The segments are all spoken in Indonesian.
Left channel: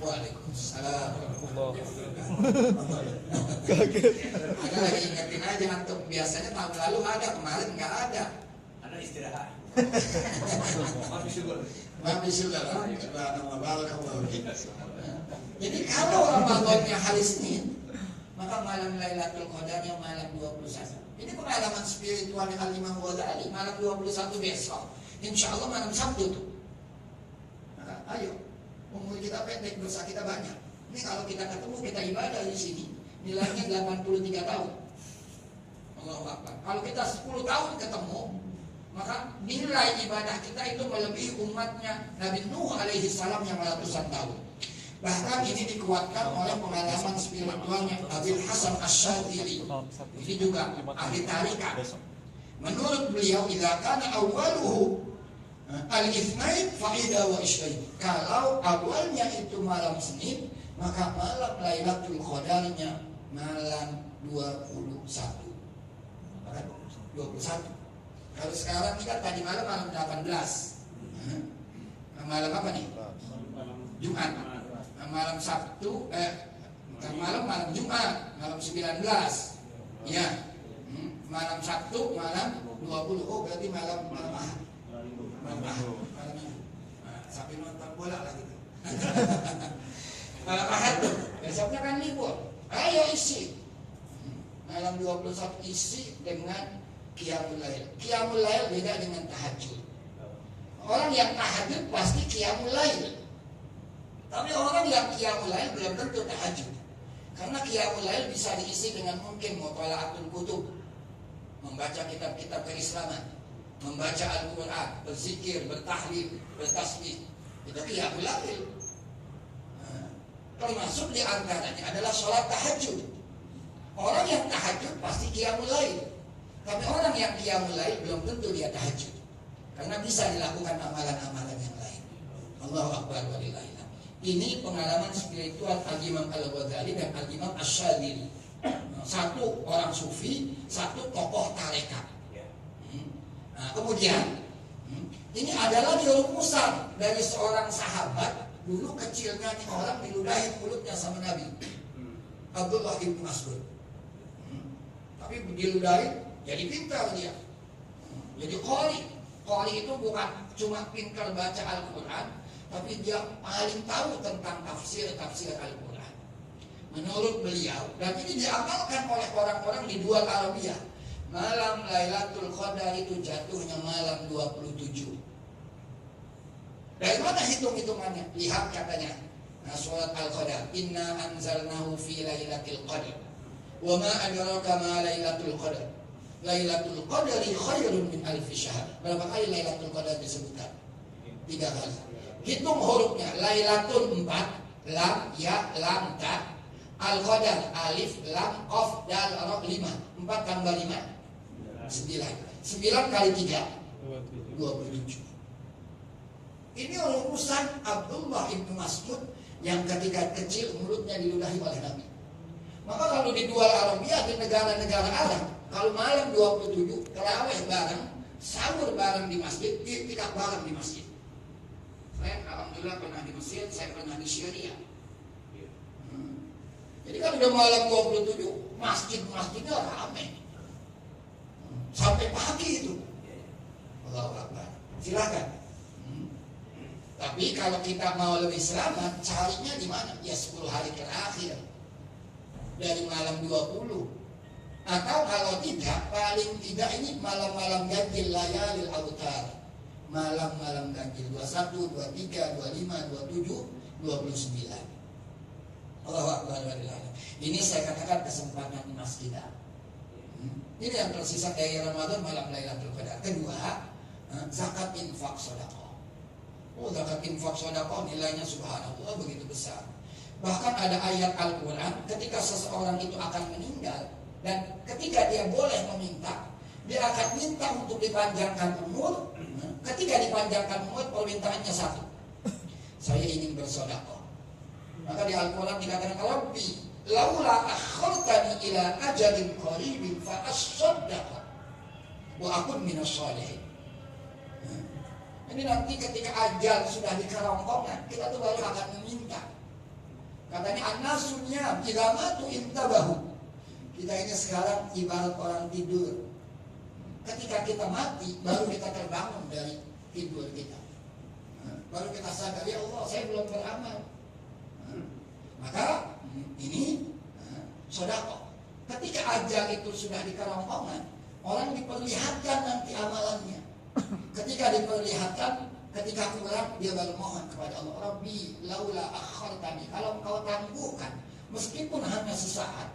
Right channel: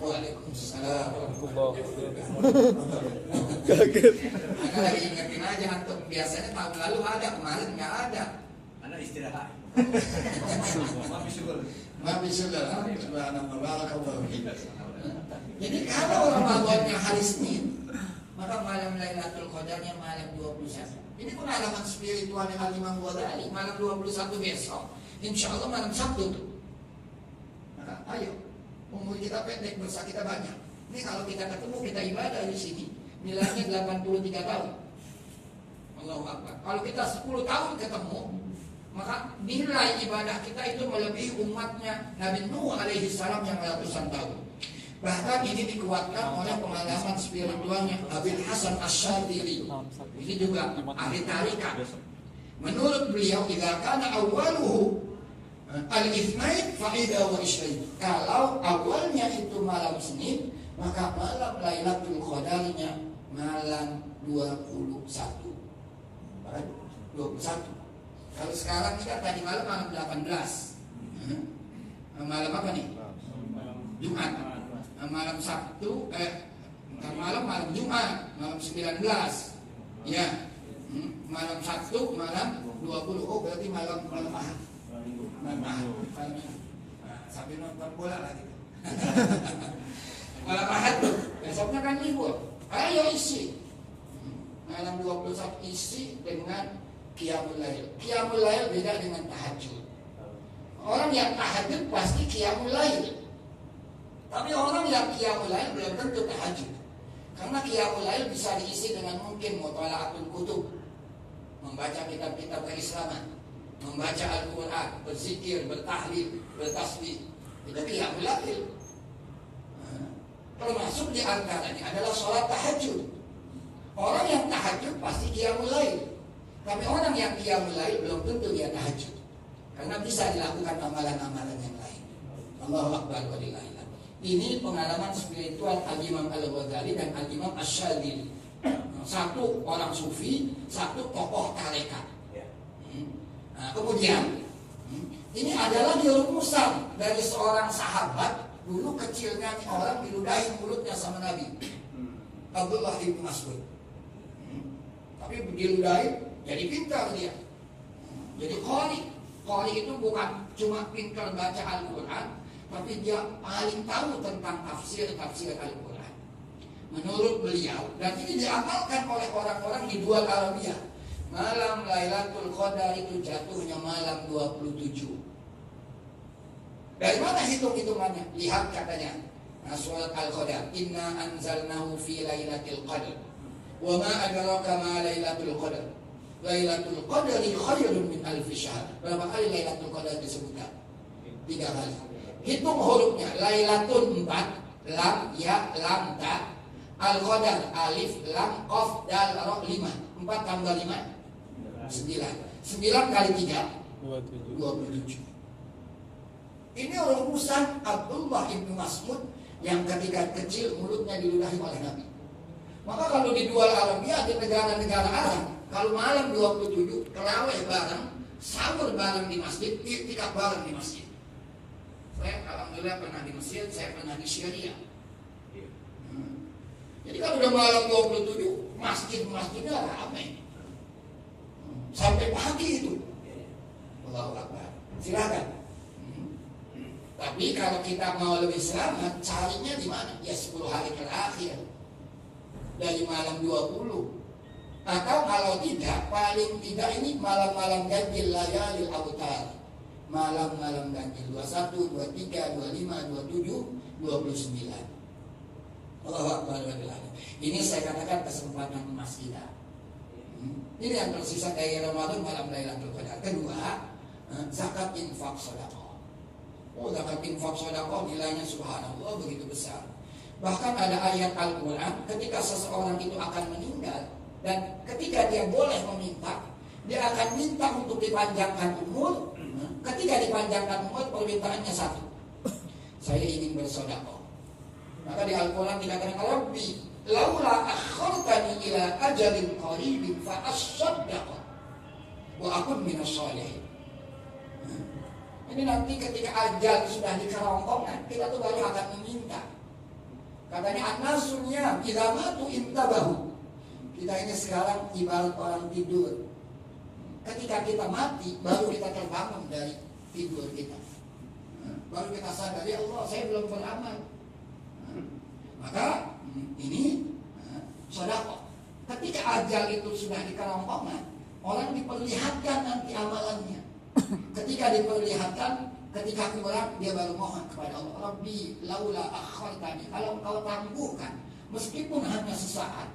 Waalaikumsalam. Kaget. Ada lagi ingetin aja antum. Biasanya tahun lalu ada, kemarin nggak ada. Anda istirahat. Maafin syukur. Subhanallah, barakallahu fiik. Jadi kalau Ramadannya hari Senin, maka malam Lailatul Qadarnya malam 21. Ini pengalaman spiritualnya Al-Imam Ghazali. Malam 21 besok, insya Allah malam Sabtu. Maka ayo, umur kita pendek, dosa kita banyak. Ini kalau kita ketemu, kita ibadah di sini, nilainya 83 tahun. Allahu Akbar. Kalau kita 10 tahun ketemu, maka nilai ibadah kita itu melebihi umatnya Nabi Nuh alaihi salam yang ratusan tahun. Bahkan ini dikuatkan oleh pengalaman spiritualnya Abil Hasan Asy-Syadzili. Ini juga ahli tarikat. Menurut beliau, idza kana awwaluhu al-itsnain fa idza wa isyain. Kalau awalnya itu malam Senin, maka malam Lailatul Qadarnya malam 21. 21. Kalau sekarang kita tadi malam 18. Malam apa nih? Jumat. Malam Sabtu, malam Jumat, malam 19. Ya. Malam Sabtu, malam 20. Oh, berarti malam Ahad. Malam Ahad. Sampai nonton bola lagi tuh. Malam Ahad tuh. Besoknya kan libur. Ayo isi. Malam 21 isi dengan Qiyamul Lail. Qiyamul Lail beda dengan tahajud. Orang yang tahajud pasti Qiyamul Lail. Tapi orang yang Qiyamul Lail belum tentu tahajud. Karena Qiyamul Lail bisa diisi dengan mungkin mutola'atul kutub, membaca kitab-kitab keislaman, membaca Al-Quran, berzikir, bertahlil, bertasbih. Itu Qiyamul Lail. Termasuk di antaranya adalah sholat tahajud. Orang yang tahajud pasti Qiyamul Lail. Tapi orang yang Qiyamul Lail belum tentu dia tahajud. Karena bisa dilakukan amalan-amalan yang lain. Allahu Akbar walillahil hamd. Ini pengalaman spiritual Al-Imam Al-Ghazali dan Al-Imam Asy-Syadzili. Satu orang sufi, satu tokoh tarekat. Kemudian ini adalah rumusan dari seorang sahabat. Dulu kecilnya orang diludahi mulutnya sama Nabi, Abdullah bin Mas'ud. Tapi diludahi jadi pintar dia. Jadi qari. Qari itu bukan cuma pintar baca Al-Quran, tapi dia paling tahu tentang tafsir Al-Quran. Menurut beliau, dan ini diamalkan oleh orang-orang di dua Arabia, malam Lailatul Qadar itu jatuhnya malam 27. Dari mana hitung-hitungannya? Lihat katanya, surat Al-Qadar, inna anzalnahu fi lailatul qadar. Wa ma adraka ma lailatul qadar. Lailatul Qadari khairun min alfi syahr. Berapa kali Lailatul Qadar disebutkan? 3 kali. Hitung hurufnya. Lailatul 4, lam, ya, lam, ta. Al-Qadar, alif, lam, qaf, dal, ra, 5. 4 tambah 5 9. 9 kali 3 27. Ini rumusan Abdullah bin Mas'ud yang ketika kecil mulutnya diludahi oleh Nabi. Maka kalau di dua Arabia, di negara-negara Arab, kalau malam 27 terawih bareng, sahur bareng di masjid, iktikaf bareng di masjid. Saya alhamdulillah pernah di masjid, saya pernah di Syria. Jadi kalau udah malam 27, masjidnya ramai. Sampai pagi itu. Allahu Akbar. Silakan. Tapi kalau kita mau lebih selamat, carinya di mana? Ya 10 hari terakhir. Dari malam 20. Atau kalau tidak, paling tidak ini malam-malam ganjil layalil autar. Malam-malam ganjil 21, 23, 25, 27, 29. Allahu Akbar. Ini saya katakan kesempatan emas kita. Ini yang tersisa dari Ramadan malam Lailatul Qadar. Kedua, zakat infak sedekah. Oh, zakat infak sedekah nilainya subhanallah begitu besar. Bahkan ada ayat Al-Quran ketika seseorang itu akan meninggal, dan ketika dia boleh meminta, dia akan minta untuk dipanjangkan umur. Ketika dipanjangkan umur, permintaannya satu, saya ingin bersedekah. Maka di Al-Quran dikatakan, Rabbi laula akhartani ila ajalin qaribin fa asaddaq wa akun minas shalihin. Ini nanti ketika ajal sudah di kerongkongan, kita tuh baru akan meminta. Katanya an-nasunya jika matu intabahu. Kita ini sekarang ibarat orang tidur. Ketika kita mati, baru kita terbangun dari tidur kita. Baru kita sadar, ya Allah, saya belum beramal. Maka ini sedekah. Ketika ajal itu sudah di kerongkongan, orang diperlihatkan nanti amalannya. Ketika diperlihatkan, ketika kurang, dia baru mohon kepada Allah, Rabbi laula akhartani, kalau engkau tangguhkan meskipun hanya sesaat.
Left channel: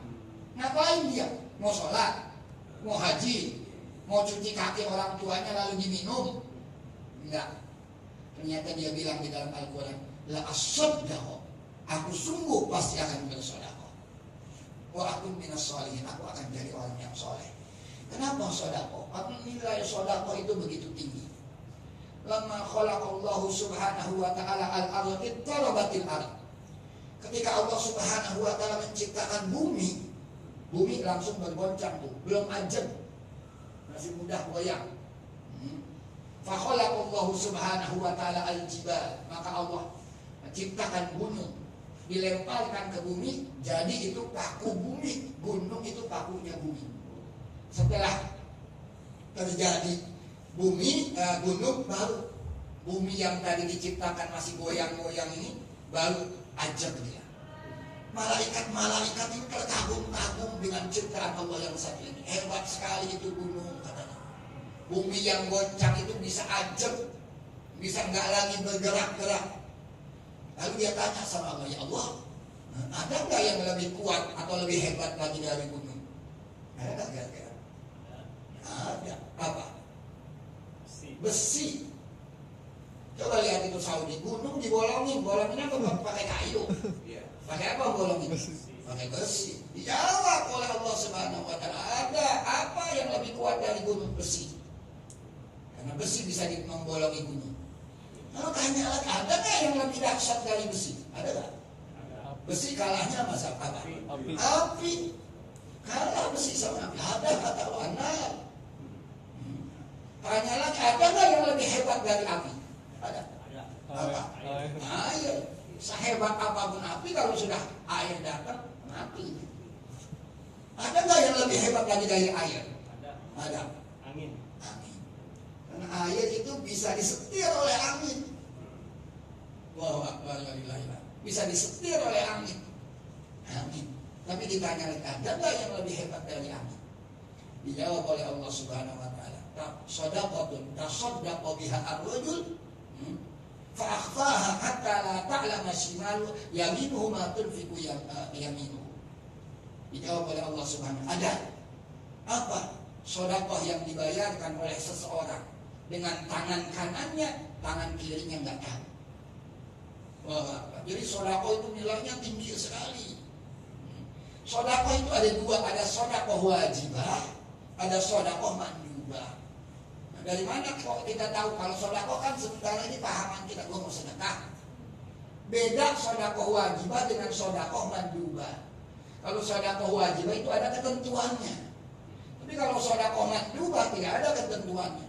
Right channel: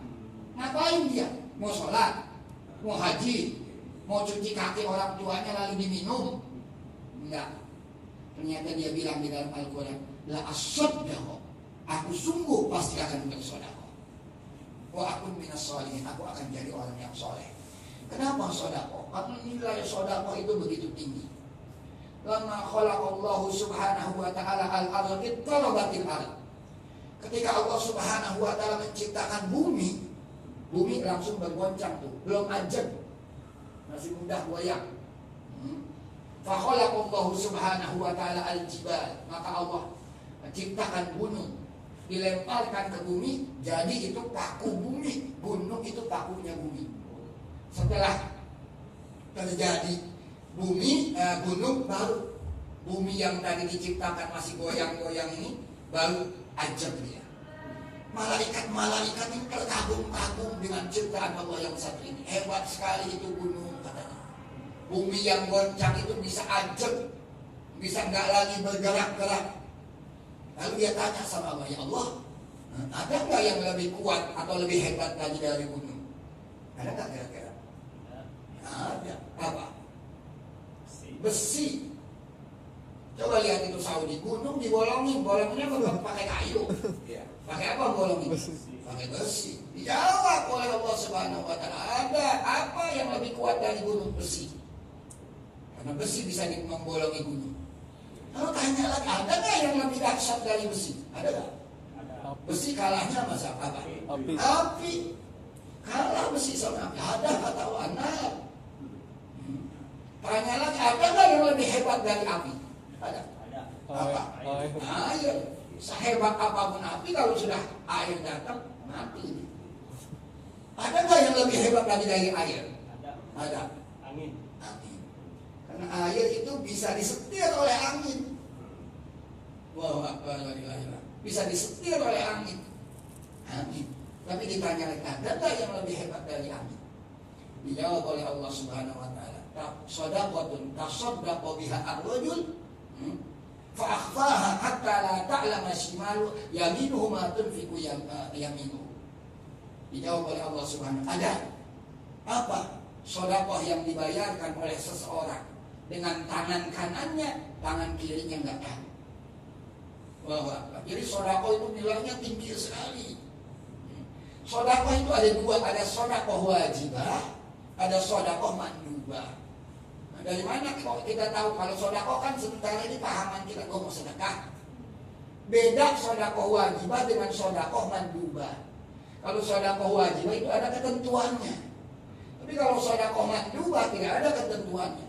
Ngapain dia? Mau sholat, mau haji, mau cuci kaki orang tuanya lalu diminum? Enggak. Ternyata dia bilang di dalam Al-Quran, la as-sadaqah, aku sungguh pasti akan bersedekah. Wa akun minas sholihin, aku akan jadi orang yang soleh. Kenapa sedekah? Karena nilai sedekah itu begitu tinggi. Lama khalaqallahu subhanahu wa ta'ala al-ardh ittarabatil ardh. Ketika Allah subhanahu wa ta'ala menciptakan bumi, bumi langsung bergoncang tuh, belum ajab, masih mudah goyang. Fa khalaqallahu subhanahu wa ta'ala al-jibal, maka Allah menciptakan gunung, dilemparkan ke bumi, jadi itu paku bumi, gunung itu pakunya bumi. Setelah terjadi bumi, gunung, baru bumi yang tadi diciptakan masih goyang-goyang ini baru ajab dia. Malaikat-malaikat ini terkagum-kagum dengan ciptaan Allah yang satu ini. Hebat sekali itu gunung katanya. Bumi yang goncang itu bisa ajab, bisa nggak lagi bergerak-gerak. Lalu dia tanya sama Allah, ya Allah, ada nggak yang lebih kuat atau lebih hebat lagi dari gunung? Ada nggak kira-kira? Ada. Apa? Besi. Coba lihat itu Saudi, gunung dibolongin, bolonginnya bukan pakai kayu. Pakai apa bolongin? Pakai besi. Dijawab oleh Allah Subhanahu wa ta'ala, ada apa yang lebih kuat dari gunung? Besi. Karena besi bisa membolongi gunung. Kalau tanya lagi, ada nggak yang lebih dahsyat dari besi? Ada nggak? Besi kalahnya masa apa? Api. Kalah besi sama api. Ada kata Allah. Tanya lagi, ada nggak yang lebih hebat dari api? Ada. Apa? Air. Sehebat apapun api, kalau sudah air datang, mati. Ada nggak yang lebih hebat lagi dari air? Ada. Angin. Karena air itu bisa disetir oleh angin. Wah, bisa disetir oleh angin. Tapi ditanya lagi, ada nggak yang lebih hebat dari angin? Dijawab oleh Allah Subhanahu wa ta'ala, shadaqatun tasaddaqa biha ar-rajul fa akhfaha hatta la ta'lama shimalu yaminuhu ma tunfiqu yaminuhu. Dijawab oleh Allah Subhanahu wa ta'ala, ada apa? Sedekah yang dibayarkan oleh seseorang dengan tangan kanannya, tangan kirinya enggak tahu. Wah, jadi sedekah itu nilainya tinggi sekali. Sedekah itu ada dua, ada sedekah wajibah, ada sedekah mandubah. Nah, dari mana kok kita tahu kalau sedekah? Kan sementara ini pahaman kita mau sedekah. Beda sedekah wajibah dengan sedekah mandubah. Kalau sedekah wajibah itu ada ketentuannya. Tapi kalau sedekah mandubah tidak ada ketentuannya.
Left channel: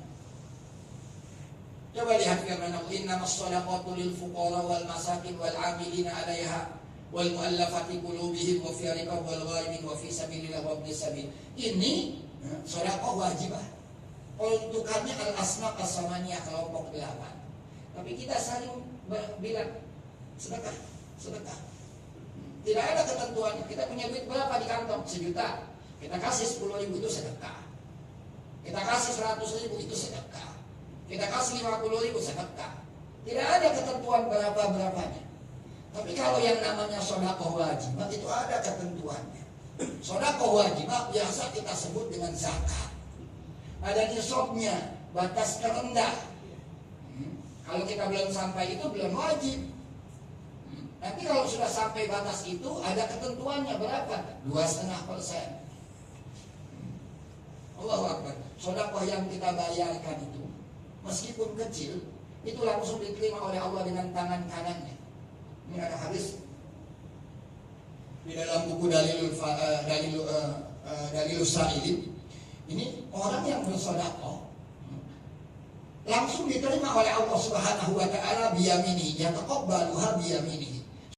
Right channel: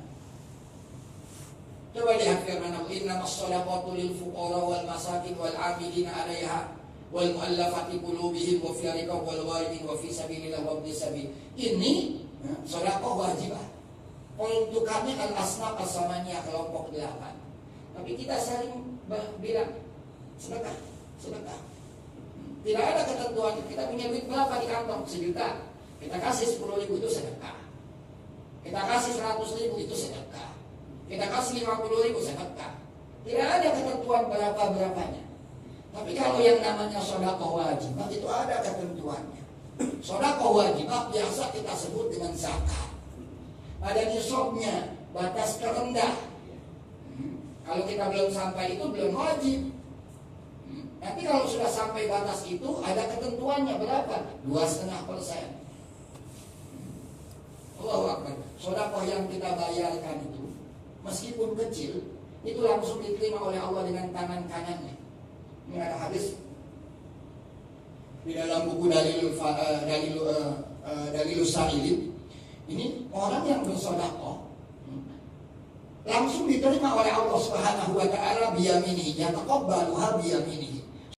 Coba lihat firman Allah, innamas shadaqatu lil fuqara wal masakin wal 'amilina 'alaiha wal mu'allafati qulubihim wa fi riqab wal ghairimin wa fi sabilillah wa ibnis sabil. Ini sedekah wajibah. Untuk kami al-asnaf as-samaniyah, kelompok 8. Tapi kita saling bilang sedekah. Tidak ada ketentuannya. Kita punya duit berapa di kantong? 1 juta. Kita kasih 10.000 itu sedekah. Kita kasih 100.000 itu sedekah. Kita kasih 50.000 sedekah. Tidak ada ketentuan berapa-berapanya. Tapi kalau yang namanya sedekah wajibah itu ada ketentuannya. Sedekah wajibah biasa kita sebut dengan zakat. Ada nisabnya, batas terendah. Kalau kita belum sampai itu belum wajib. Nanti kalau sudah sampai batas itu ada ketentuannya berapa? 2,5%. Allahu Akbar. Sedekah yang kita bayarkan itu meskipun kecil, itu langsung diterima oleh Allah dengan tangan kanannya. Ini ada hadis di dalam buku Dalilus Sa'ilin. Ini orang yang bersedekah langsung diterima oleh Allah Subhanahu wa taala biyaminihi, yataqabbaluha biyaminihi.